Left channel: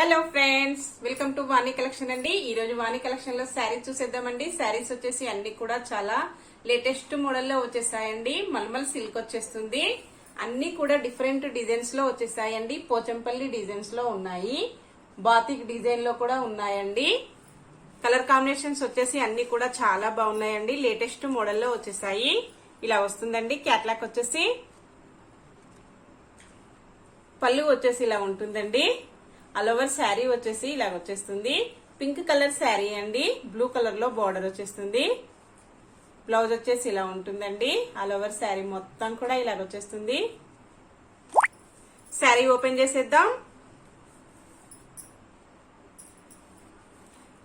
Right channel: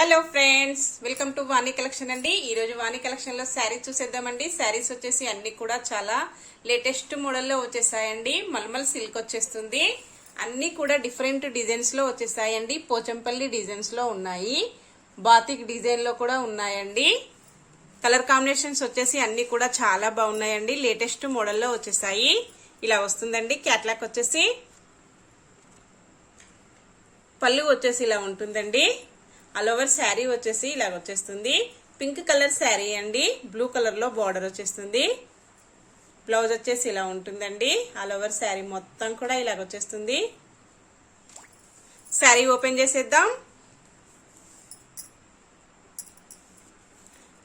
Hello friends, welcome to Vani collection అండి. ఈ రోజు వాణి కలెక్షన్ లో శారీస్ చూసేద్దామండి. శారీస్ వచ్చేసి అన్ని కూడా చాలా లేటెస్ట్ మోడల్ లో వచ్చేసాయండి. మల్మల్ సిల్క్ వచ్చేస్తుంది. అన్ని కూడా డిఫరెంట్ డిజైన్స్ లో వచ్చేసాయండి. పోచంపల్లి డిజైన్స్ లో ఉన్నాయి, బాతిక్ డిజైన్ లో కూడా ఉన్నాయండి. కలర్ కాంబినేషన్స్ వచ్చేసి అన్ని కూడా చాలా బాగున్నాయండి. లేటెస్ట్ మోడల్ లో వచ్చేసాయి. ఇలా వస్తుందండి. క్యాట్లాగ్ వచ్చేసి పళ్ళు వచ్చేసి ఇలా ఉంటుందండి. ఆల్ ఓవర్ శారీ వచ్చేసి ఇలా వచ్చేస్తుంది. పింక్ కలర్ శారీ అండి. బ్లూ కలర్ లో బార్డర్ వచ్చేస్తుంది. బ్లౌజ్ వచ్చేసి ఇలా ఉంటుందండి. ఆల్ ఓవర్ శారీ మొత్తం కూడా ఇలా వచ్చేస్తుంది. శారీ ఓపెన్ చేసేద్దాం.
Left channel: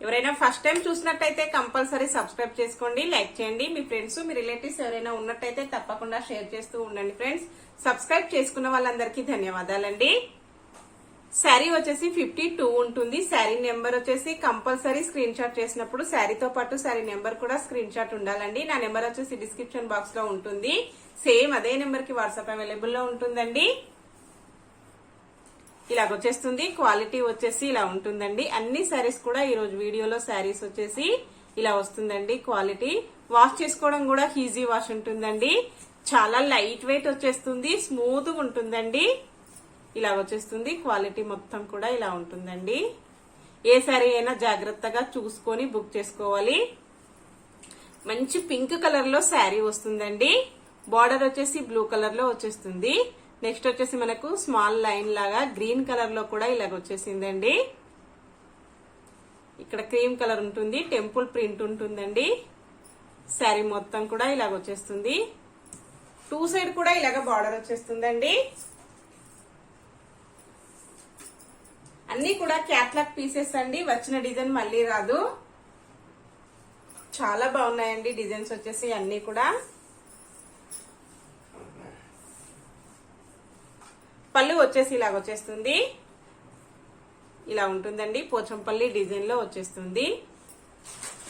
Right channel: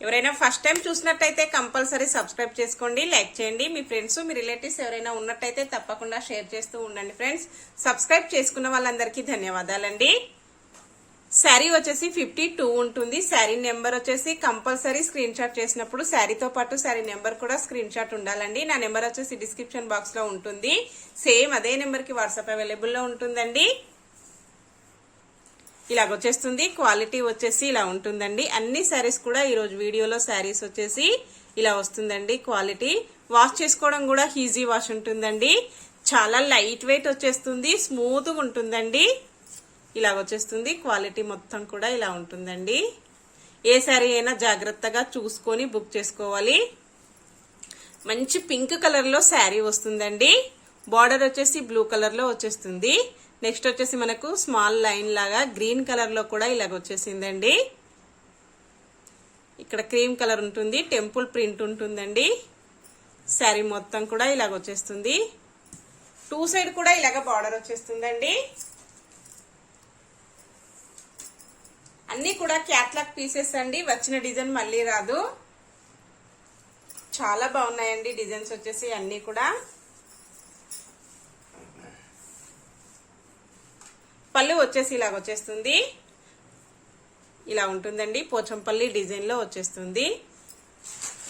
ఎవరైనా ఫస్ట్ టైం చూసినట్టయితే కంపల్సరీ సబ్స్క్రైబ్ చేసుకోండి, లైక్ చేయండి. మీ ఫ్రెండ్స్ మీ రిలేటివ్స్ ఎవరైనా ఉన్నట్టయితే తప్పకుండా షేర్ చేస్తూ ఉండండి ఫ్రెండ్స్. సబ్స్క్రైబ్ చేసుకున్న వాళ్ళందరికీ ధన్యవాదాలండి. శారీ వచ్చేసి 52 ఉంటుంది. శారీ నెంబర్ వచ్చేసి కంపల్సరీ స్క్రీన్ షాట్ చేసినప్పుడు శారీతో పాటు శారీ నెంబర్ కూడా స్క్రీన్ షాట్ ఉండాలండి. నా నెంబర్ వచ్చేసి డిస్క్రిప్షన్ బాక్స్ లో ఉంటుంది. సేమ్ అదే నెంబర్ కి వాట్సాప్ అవైలబుల్ లో ఉంటుందండి. ఇలా వచ్చేస్తుంది. క్వాలిటీ వచ్చేసి ఇలా ఉంటుందండి. అన్ని శారీస్ కూడా ఈ రోజు వీడియోలో శారీస్ వచ్చేసి ఇలా వస్తుందండి. క్వాలిటీ వాష్ చేసుకోవడం కూడా ఈజీ వాష్ ఉంటుందండి. చాలా లైట్ వెయిట్ వచ్చేస్తుంది. స్మూత్ గా ఉంటుందండి. ఇలా వచ్చేస్తుంది. క్వాలిటీ మొత్తం కూడా ఇలా ఉంటుందండి. ఏ శారీ అయినా జాగ్రత్తగా చూసుకొని బుక్ చేసుకోవాలి. మంచి పింక్ కలర్ లో శారీ వస్తుందండి. బార్డర్ వచ్చేసి బ్లూ కలర్ లో వచ్చేస్తుంది. నెక్స్ట్ వచ్చేసి మనకు స్మాల్ లైన్ లాగా గ్రీన్ కలర్ లో కూడా ఇలాగ వచ్చేసిందండి. ఇక్కడ క్రీమ్ కలర్ ఉంటుంది. టెంపుల్ ప్రింట్ ఉంటుందండి. శారీ మొత్తం కూడా ఇలాగ వచ్చేస్తుంది. టూ సైడ్ కూడా ఇలాగ బార్డర్ వచ్చేస్తుందండి. అన్ని కూడా క్యాట్లాగ్ పీసెస్ అండి. వచ్చిన డిజైన్ మళ్ళీ రాదు. చాలా బాగున్నాయండి డిజైన్స్ వచ్చేసి అన్ని కూడా. పళ్ళు వచ్చేసి ఇలా వచ్చేస్తుంది. ఇలా ఉంటుందండి. పోచంపల్లి డిజైన్ లో వచ్చేస్తుంది.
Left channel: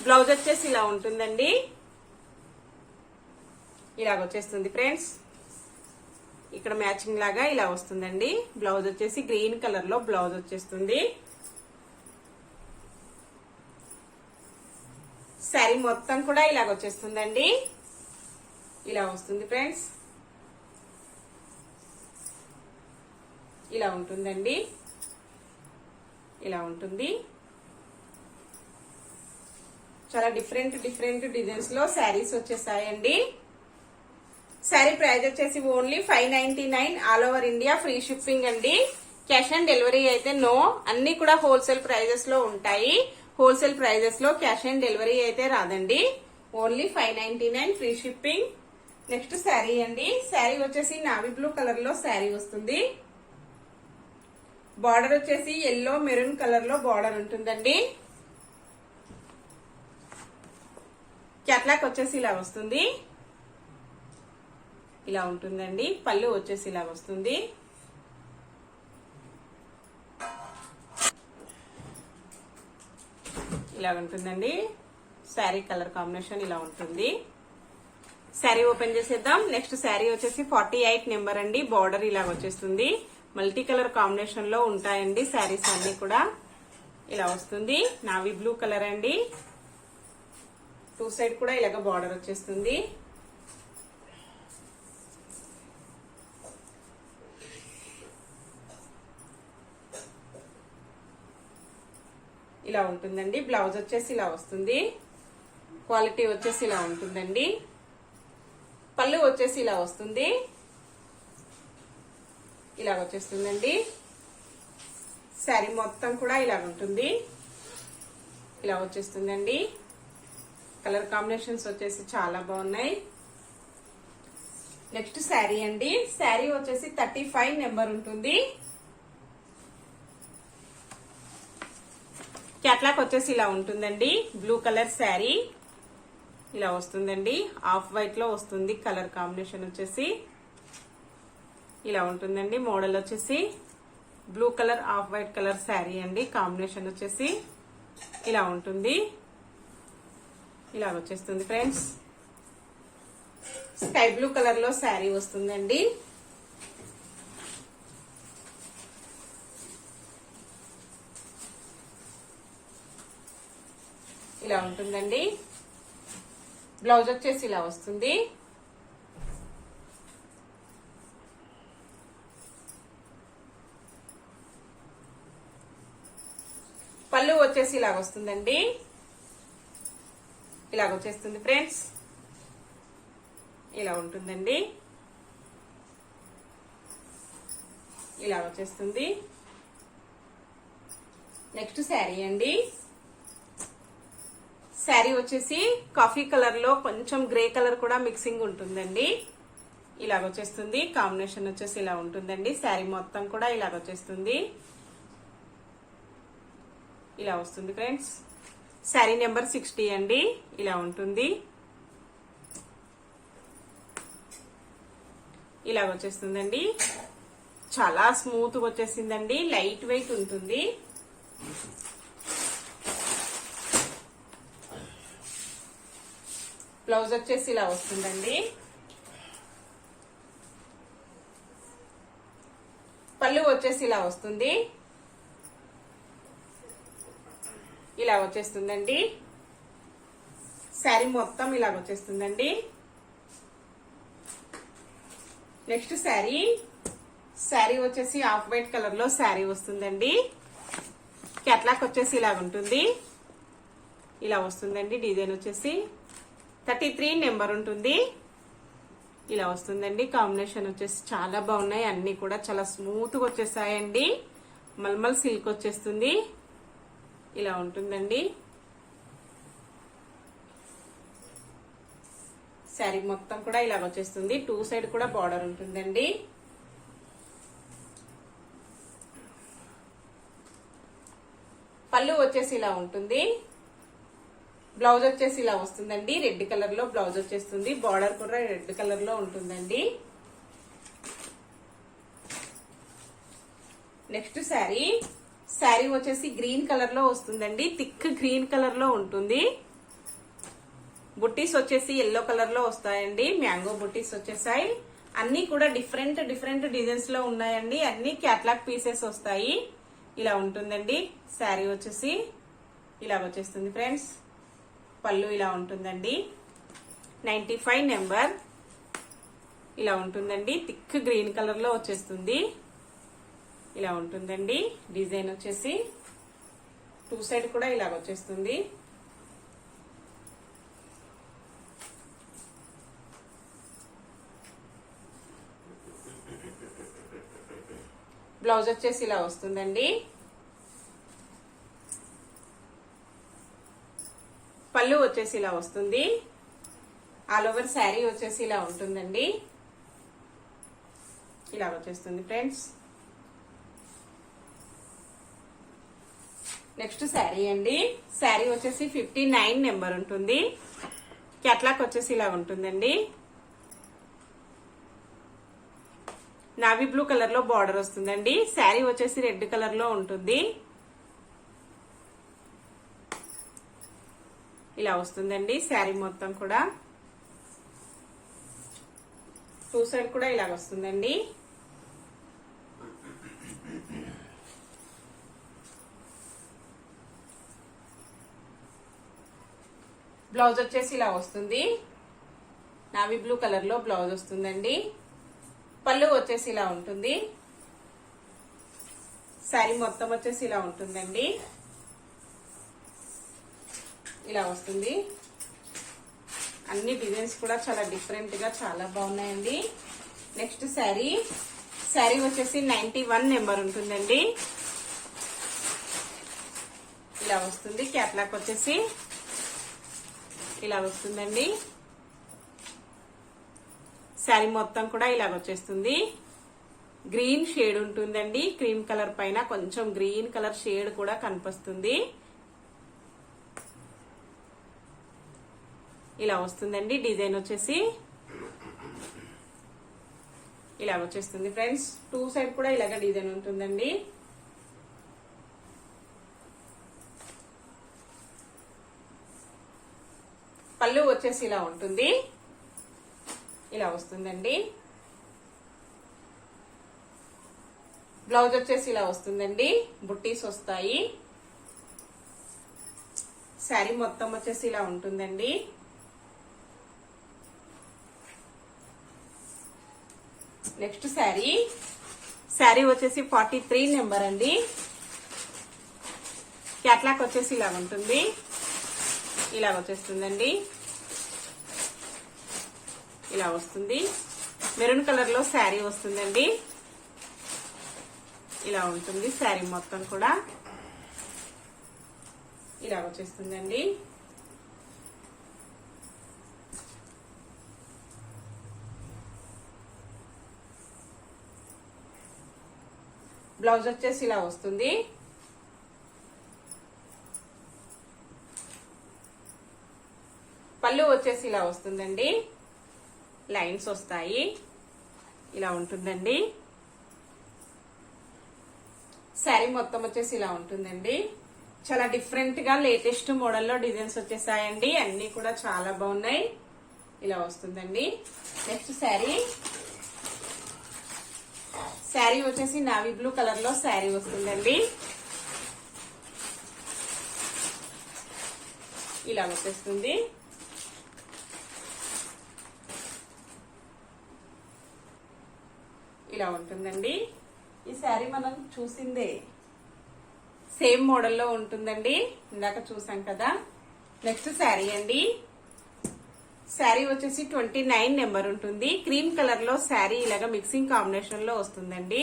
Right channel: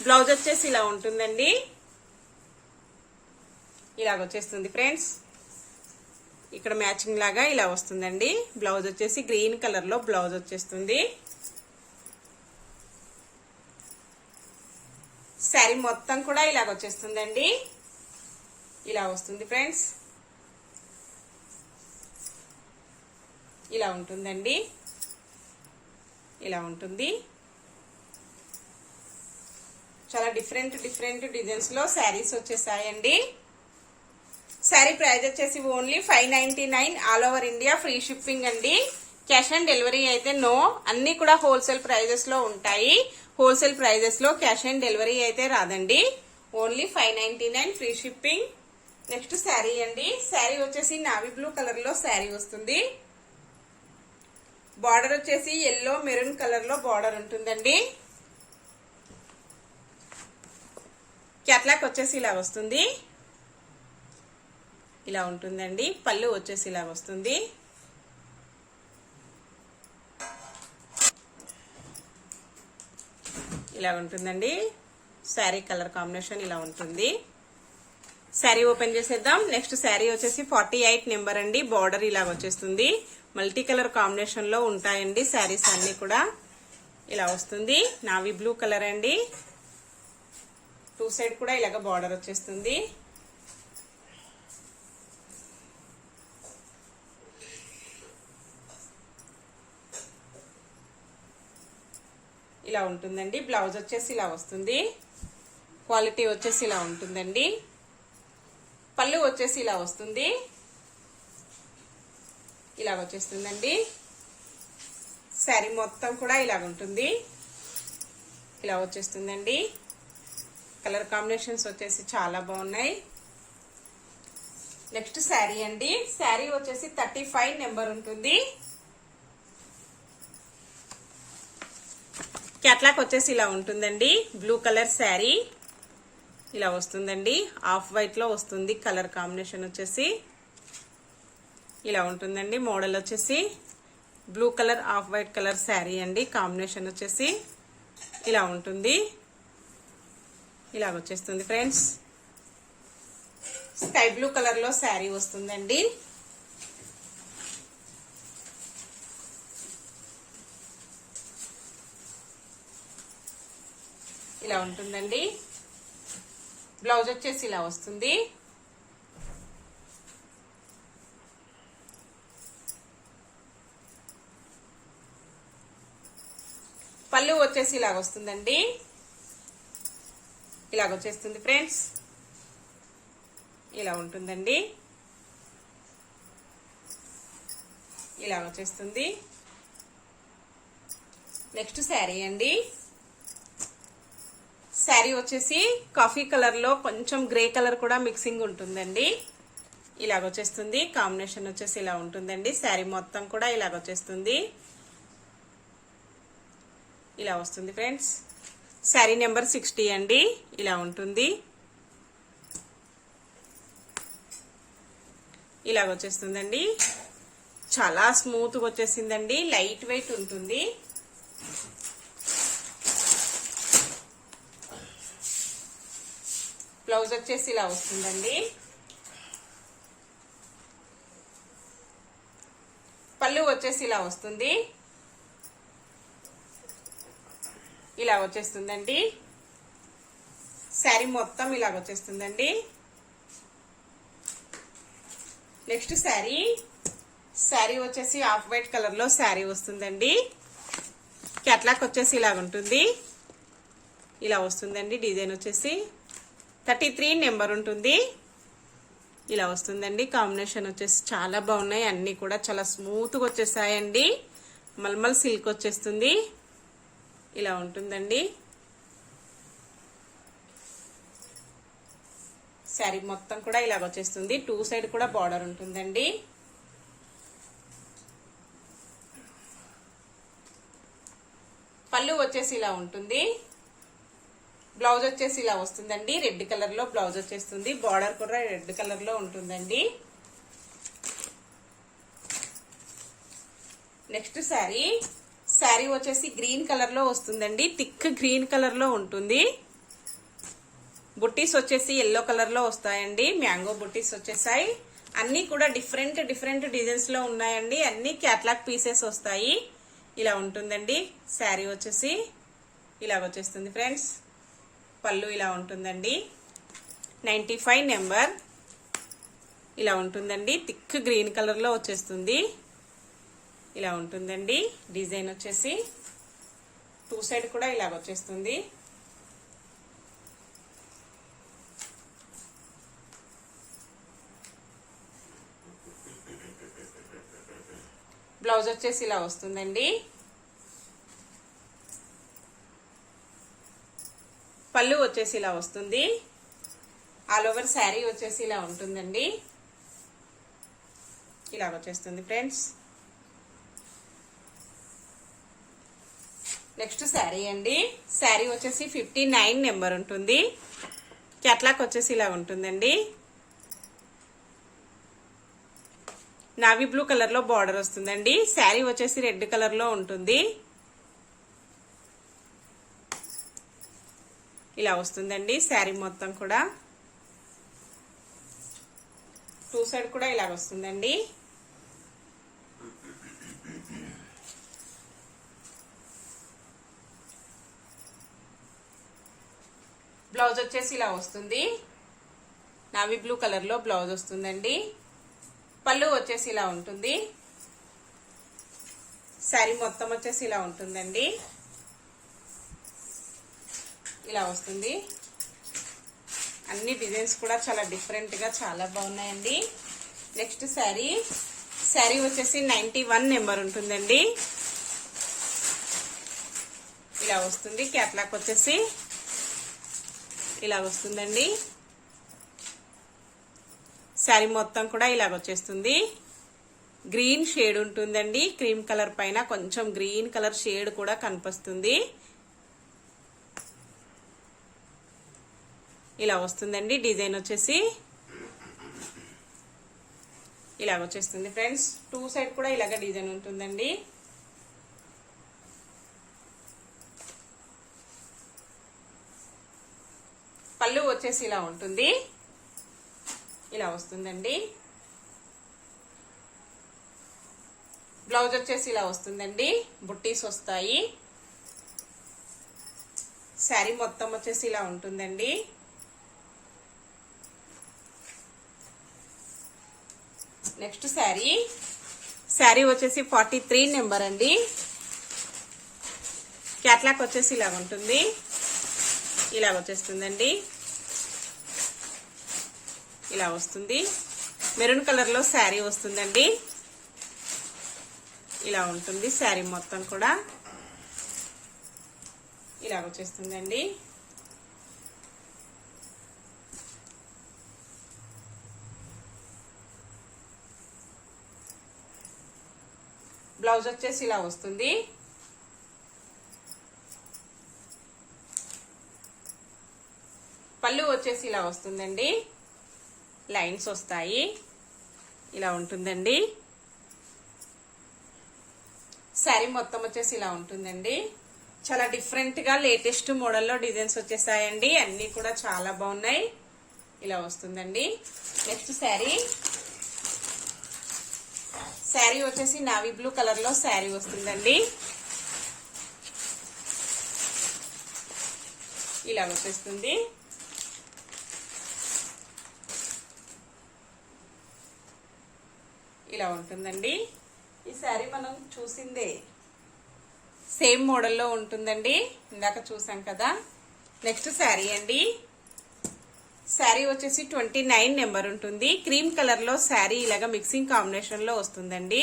బ్లౌజ్ వచ్చేసి ఇలా ఉంటుందండి. ఇలాగ వచ్చేస్తుంది ఫ్రెండ్స్. ఇక్కడ మ్యాచింగ్ లాగా ఇలా వస్తుందండి. బ్లౌజ్ వచ్చేసి గ్రీన్ కలర్ లో బ్లౌజ్ వచ్చేస్తుంది. శారీ మొత్తం కూడా ఇలాగ వచ్చేస్తుందండి. ఇలా వస్తుంది ఫ్రెండ్స్. ఇలా ఉంటుందండి. ఇలా ఉంటుంది. చాలా డిఫరెంట్ డిజైన్స్ లో శారీస్ వచ్చేసాయండి. శారీ ప్రైస్ వచ్చేసి only 599. All over India free shipping అండి. క్యాష్ ఆన్ డెలివరీ అయితే నో. అన్ని కూడా హోల్సేల్ ప్రైజెస్ లో ఉంటాయి. హోల్సేల్ ప్రైజెస్ లో క్యాష్ ఆన్ డెలివరీ అయితే రాదండి. Only 599 free shipping. Next sari అండి. శారీ వచ్చేసి నావీ బ్లూ కలర్ లో శారీ వస్తుంది. బార్డర్ వచ్చేసి ఎల్లో మెరూన్ కలర్ లో బార్డర్ ఉంటుందండి. క్యాట్లాగ్ వచ్చేసి ఇలా వస్తుంది. ఇలా ఉంటుందండి. పళ్ళు వచ్చేసి ఇలా వస్తుంది. ఇలా ఉంటుందండి. శారీ కలర్ కాంబినేషన్ ఇలా ఉంటుంది. శారీ ఓపెన్ చేసేద్దాం. నెక్స్ట్ శారీ వచ్చేసి 48 నెంబర్ అండి. బార్డర్ ఇలా వచ్చేస్తుంది. మల్టీ కలర్ కాంబినేషన్ లో ఉంటాయండి శారీస్ అన్ని కూడా. ఇలా వస్తుంది. నావీ బ్లూ కలర్ అండి. టూ సైడ్ కూడా ఇలాగ బార్డర్ వచ్చేస్తుంది. ఇలా ఉంటుందండి. బ్లౌజ్ వచ్చేసి ఇలా వస్తుంది. క్వాలిటీ వచ్చేసి ఇలా ఉంటుందండి. పళ్ళు వచ్చేసి ఇలా వస్తుంది. ఇలా వచ్చేస్తుందండి. శారీ మొత్తం కూడా ఇలా ఉంటుంది. ఇలా వచ్చేస్తుందండి. కలర్ కాంబినేషన్స్ వచ్చేసి చాలా బాగున్నాయి. నెక్స్ట్ శారీ అండి. శారీ వచ్చేసి 35 నెంబర్ ఉంటుంది. క్యాట్లాగ్ వచ్చేసి ఇలా ఉంటుందండి. బ్లూ కలర్ శారీ ఇలా వస్తుందండి. ఆఫ్ వైట్ లో వస్తుంది. కలర్ కాంబినేషన్ వచ్చేసి ఇలా ఉంటుందండి. మోడల్ వచ్చేసి blue colour off white colour sari అండి. కాంబినేషన్ వచ్చేసి ఇలా ఉంటుంది. ఇలా వచ్చేస్తుంది ఫ్రెండ్స్. స్కై బ్లూ కలర్ లో శారీ వస్తుందండి. ఇలా ఉంటుందండి. బ్లౌజ్ వచ్చేసి ఇలా వస్తుంది. పళ్ళు వచ్చేసి ఇలాగ వస్తుందండి. ఇలాగ వచ్చేస్తుంది ఫ్రెండ్స్. ఇలా ఉంటుందండి. ఇలా వచ్చేస్తుంది. నెక్స్ట్ శారీ అండి. శారీ వచ్చేసి కాఫీ కలర్ లో కొంచెం గ్రే కలర్ కూడా మిక్సింగ్ ఉంటుందండి. ఇలాగ వచ్చేస్తుంది. కాంబినేషన్ వచ్చేసి ఇలా ఉంటుందండి. శారీ మొత్తం కూడా ఇలాగ వచ్చేస్తుంది. ఇలా వస్తుంది ఫ్రెండ్స్. శారీ నెంబర్ 60 అండి. ఇలా ఉంటుంది. ఇలా వచ్చేస్తుందండి. చాలా స్మూత్ గా వచ్చేసిందండి. లైట్ వెయిట్ ఉంటుంది. బ్లౌజ్ వచ్చేసి ఇలా వస్తుందండి. పళ్ళు వచ్చేసి ఇలా వస్తుంది. ఇలా వచ్చేస్తుందండి. శారీ మొత్తం ఇలా వచ్చేస్తుందండి. నెక్స్ట్ శారీ వచ్చేసి ఆఫ్ వైట్ కలర్ లో శారీ వస్తుందండి. క్యాట్లాక్ వచ్చేసి ఇలా ఉంటుంది. ఇలా వస్తుందండి. డిజైన్ వచ్చేసి 33 నెంబర్ ఉంటుంది. ఇలా వస్తుందండి. కాంబినేషన్ వచ్చేసి చాలా బాగున్నాయి. అన్ని కూడా చాలా స్మూత్ గా వచ్చేసాయండి. మల్మల్ సిల్క్ వచ్చేస్తుంది. ఇలా ఉంటుందండి. శారీ మొత్తం కూడా ఇలాగ వచ్చేస్తుంది. 2 సైడ్ కూడా బార్డర్ ఉంటుందండి. పళ్ళు వచ్చేసి ఇలా ఉంటుంది. బ్లౌజ్ వచ్చేసి ఇలా వస్తుందండి. రెడ్ కలర్ లో బ్లౌజ్ వచ్చేస్తుంది. బార్డర్ కూడా రెడ్ కలర్ లో ఉంటుందండి. నెక్స్ట్ శారీ వచ్చేసి గ్రీన్ కలర్ లో వస్తుందండి. థిక్ గ్రీన్ కలర్ లో ఉంటుంది. బుట్టీస్ వచ్చేసి ఎల్లో కలర్ లో వస్తాయండి. మ్యాంగో బుట్టీస్ వచ్చేసాయి. అన్ని కూడా డిఫరెంట్ డిజైన్స్ లో ఉన్నాయండి. అన్ని క్యాట్లాగ్ పీసెస్ వస్తాయి. ఇలా ఉంటుందండి. శారీ వచ్చేసి ఇలా వచ్చేస్తుంది ఫ్రెండ్స్. పళ్ళు ఇలా ఉంటుందండి. 95 నెంబర్. ఇలా ఉంటుందండి. థిక్ గ్రీన్ కలర్ లో వచ్చేస్తుంది. ఇలా ఉంటుందండి. డిజైన్ వచ్చేసి 2 సైడ్ కూడా ఇలా వచ్చేస్తుంది. బ్లౌజ్ వచ్చేసి ఇలా వస్తుందండి. పళ్ళు వచ్చేసి ఇలా వస్తుంది. ఆల్ ఓవర్ శారీ వచ్చేసి ఇలా ఉంటుందండి. ఇలా వచ్చేస్తుంది ఫ్రెండ్స్. నెక్స్ట్ శారీ అండి. శారీ వచ్చేసి 59 నెంబర్ ఉంటుంది. క్యాట్లాక్ వచ్చేసి ఇలా ఉంటుందండి. నావీ బ్లూ కలర్ లో బార్డర్ వస్తుందండి. శారీ వచ్చేసి రెడ్ కలర్ లో ఉంటుంది. ఇలా వస్తుందండి. శారీ మొత్తం కూడా 2 సైడ్ కూడా ఇలా వస్తుందండి. బ్లౌజ్ వచ్చేసి ఇలా వస్తుంది. నావీ బ్లూ కలర్ లో బ్లౌజ్ వస్తుందండి. పళ్ళు వచ్చేసి ఇలా ఉంటుంది. శారీ మొత్తం వచ్చేసి ఇలా ఉంటుందండి. ఇలా వస్తుంది. అన్ని డిజైన్స్ కూడా చాలా డిఫరెంట్ గా చాలా బాగున్నాయండి. నెక్స్ట్ శారీ వచ్చేసి 91 నెంబర్ ఉంటుందండి. ఇలా వస్తుంది. క్యాట్లాక్ వచ్చేసి ఇలా వస్తుందండి. శారీ మొత్తం కూడా ఇలాగ వచ్చేస్తుంది. గ్రీన్ షేడ్ ఉంటుందండి. క్రీమ్ కలర్ పైన కొంచెం గ్రీన్ కలర్ షేడ్ కూడా కనిపిస్తుంది. ఇలా వస్తుందండి. డిజైన్ వచ్చేసి ఇలా వచ్చేస్తుంది ఫ్రెండ్స్. 2 సైడ్ కూడా ఇలాగ డిజైన్ ఉంటుందండి. పళ్ళు వచ్చేసి ఇలా ఉంటుంది. ఇలా వస్తుందండి. బ్లౌజ్ వచ్చేసి ఇలా వస్తుందండి. బుట్టీస్ వస్తాయి. శారీ మొత్తం వచ్చేసి ఇలా ఉంటుందండి. నెక్స్ట్ శారీ వచ్చేసి 43 నెంబర్ అండి. క్యాట్లాగ్ వచ్చేసి ఇలా ఉంటుంది. ఇలా వచ్చేస్తుందండి. ఇలా వస్తుంది. మెరూన్ కలర్ లో శారీ వస్తుందండి. ఇలా ఉంటుంది శారీ మొత్తం కూడా. ఇలా వచ్చేస్తుందండి. బ్లౌజ్ వచ్చేసి ఇలా వస్తుంది. పళ్ళు వచ్చేసి ఇలా వస్తుందండి. లైన్స్ వస్తాయి. ఇలా ఉంటుందండి. శారీ మొత్తం వచ్చేసి ఇలా ఉంటుందండి. చాలా డిఫరెంట్ గా లేటెస్ట్ మోడల్లో డిజైన్స్ వచ్చేసాయండి. అన్ని కూడా చాలా బాగున్నాయి. ఇలా వస్తుందండి. నెక్స్ట్ శారీ వచ్చేసి నావీ బ్లూ కలర్ లో శారీ వస్తుందండి. ఇలా వచ్చేస్తుంది. ఇలా ఉంటుందండి. ఈ శారీ మనం చూసిందే సేమ్ మోడల్లో ఉంటుందండి. ఇందాక చూసాం కదా. నెక్స్ట్ శారీ అండి. శారీ వచ్చేసి 29 నెంబర్ ఉంటుంది. క్రీమ్ కలర్ లో శారీ ఇలాగ మిక్సింగ్ కాంబినేషన్ లో వస్తుందండి.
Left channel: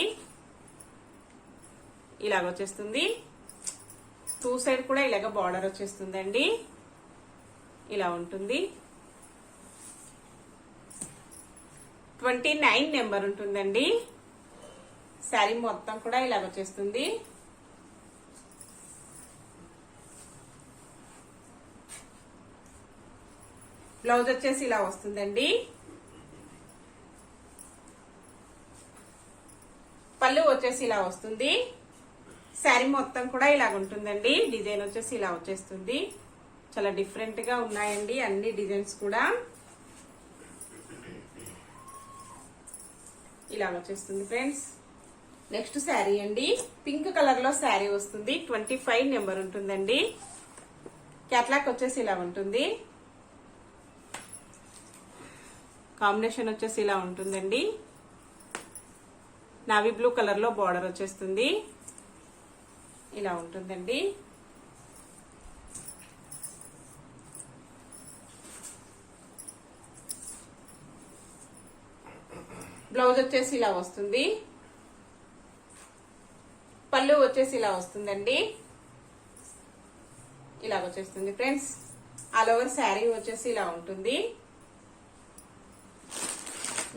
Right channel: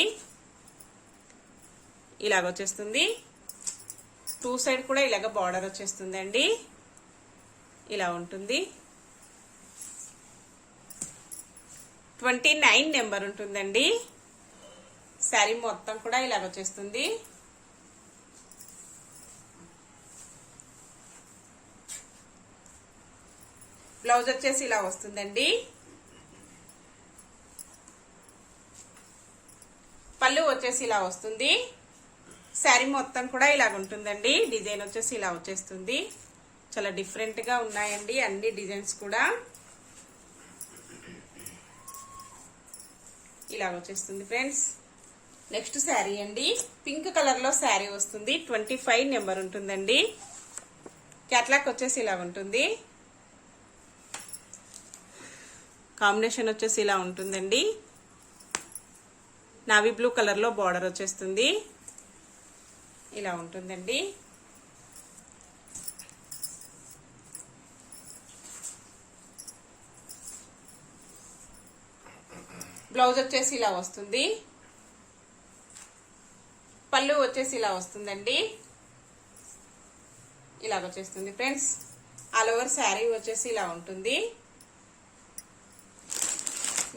ఇలాగ వచ్చేస్తుంది. 2 సైడ్ కూడా ఇలాగ బార్డర్ వచ్చేస్తుందండి. ఇలా ఉంటుంది. 29 నెంబర్ ఉంటుందండి. శారీ మొత్తం కూడా ఇలాగ వచ్చేస్తుంది. బ్లౌజ్ వచ్చేసి ఇలా వస్తుందండి. పళ్ళు వచ్చేసి ఇలా వస్తుంది. శారీ మొత్తం కూడా ఇలా ఉంటుందండి. డిజైన్ వచ్చేసి ఇలా వచ్చేస్తుంది. చాలా డిఫరెంట్ గా ఉన్నాయండి అన్ని డిజైన్స్ కూడా. ఇలా వచ్చేస్తుంది ఫ్రెండ్స్. నెక్స్ట్ శారీ అండి. పింక్ కలర్ లో శారీ వస్తుంది. 25 నెంబర్ ఉంటుందండి. క్యాట్లాగ్ వచ్చేసి ఇలా ఉంటుంది. కాంబినేషన్ వచ్చేసి ఇలా ఉంటుందండి. నావీ బ్లూ కలర్ లో బార్డర్ వచ్చేస్తుంది. ఇలా ఉంటుందండి. బ్లౌజ్ వచ్చేసి ఇలా వస్తుంది. పళ్ళు వచ్చేసి ఇలా వస్తుందండి. ఇలా వచ్చేస్తుంది ఫ్రెండ్స్. ఆల్ ఓవర్ శారీ వచ్చేసి ఇలా ఉంటుంది.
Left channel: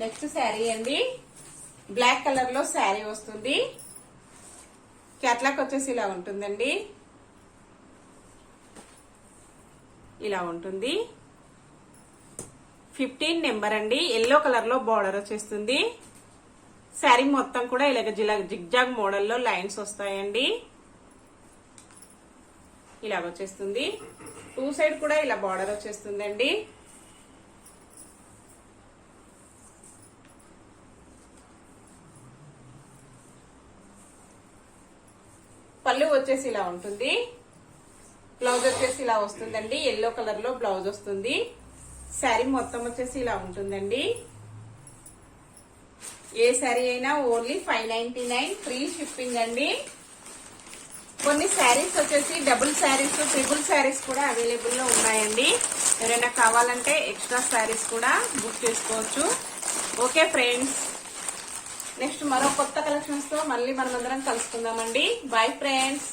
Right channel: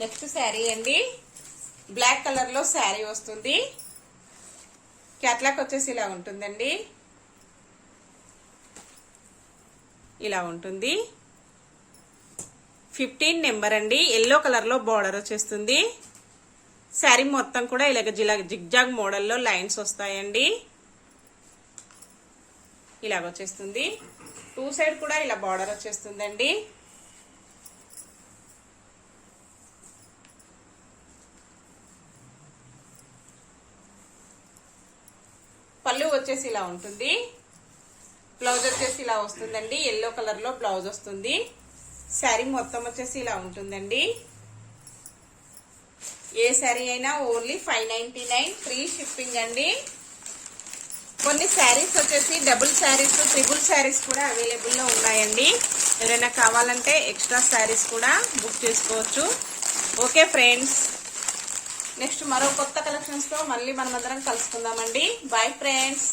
నెక్స్ట్ శారీ అండి. బ్లాక్ కలర్ లో శారీ వస్తుంది. క్యాట్లాగ్ వచ్చేసి ఇలా ఉంటుందండి. ఇలా ఉంటుంది. 15 నెంబర్ అండి. ఎల్లో కలర్ లో బార్డర్ వచ్చేస్తుంది. శారీ మొత్తం కూడా ఇలాగ జిగ్జాగ్ మోడల్లో లైన్స్ వస్తాయండి. ఇలా వచ్చేస్తుంది. 2 సైడ్ కూడా ఇలా బార్డర్ వచ్చేస్తుందండి. పళ్ళు వచ్చేసి ఇలా ఉంటుంది. బ్లౌజ్ వచ్చేసి ఇలా వస్తుందండి. ఎల్లో కలర్ లో బ్లౌజ్ వస్తుంది. శారీ మొత్తం వచ్చేసి ఇలా ఉంటుందండి. ఏ శారీ అయినా ఓన్లీ 599 ఫ్రీ షిప్పింగ్ అండి. కొన్ని శారీస్ వచ్చేసి డబుల్ శారీస్, ట్రిపుల్ శారీస్ కూడా అవైలబుల్ లో ఉన్నాయండి. ఎవరైనా కావాలంటే ఎక్స్ట్రా శారీస్ కూడా బుక్ చేసుకోవచ్చు. ఓకే ఫ్రెండ్స్, నెక్స్ట్ మరో కొత్త కలెక్షన్స్ తో మళ్ళీ మనం అందరం కలుసుకుందామండి. Bye friends.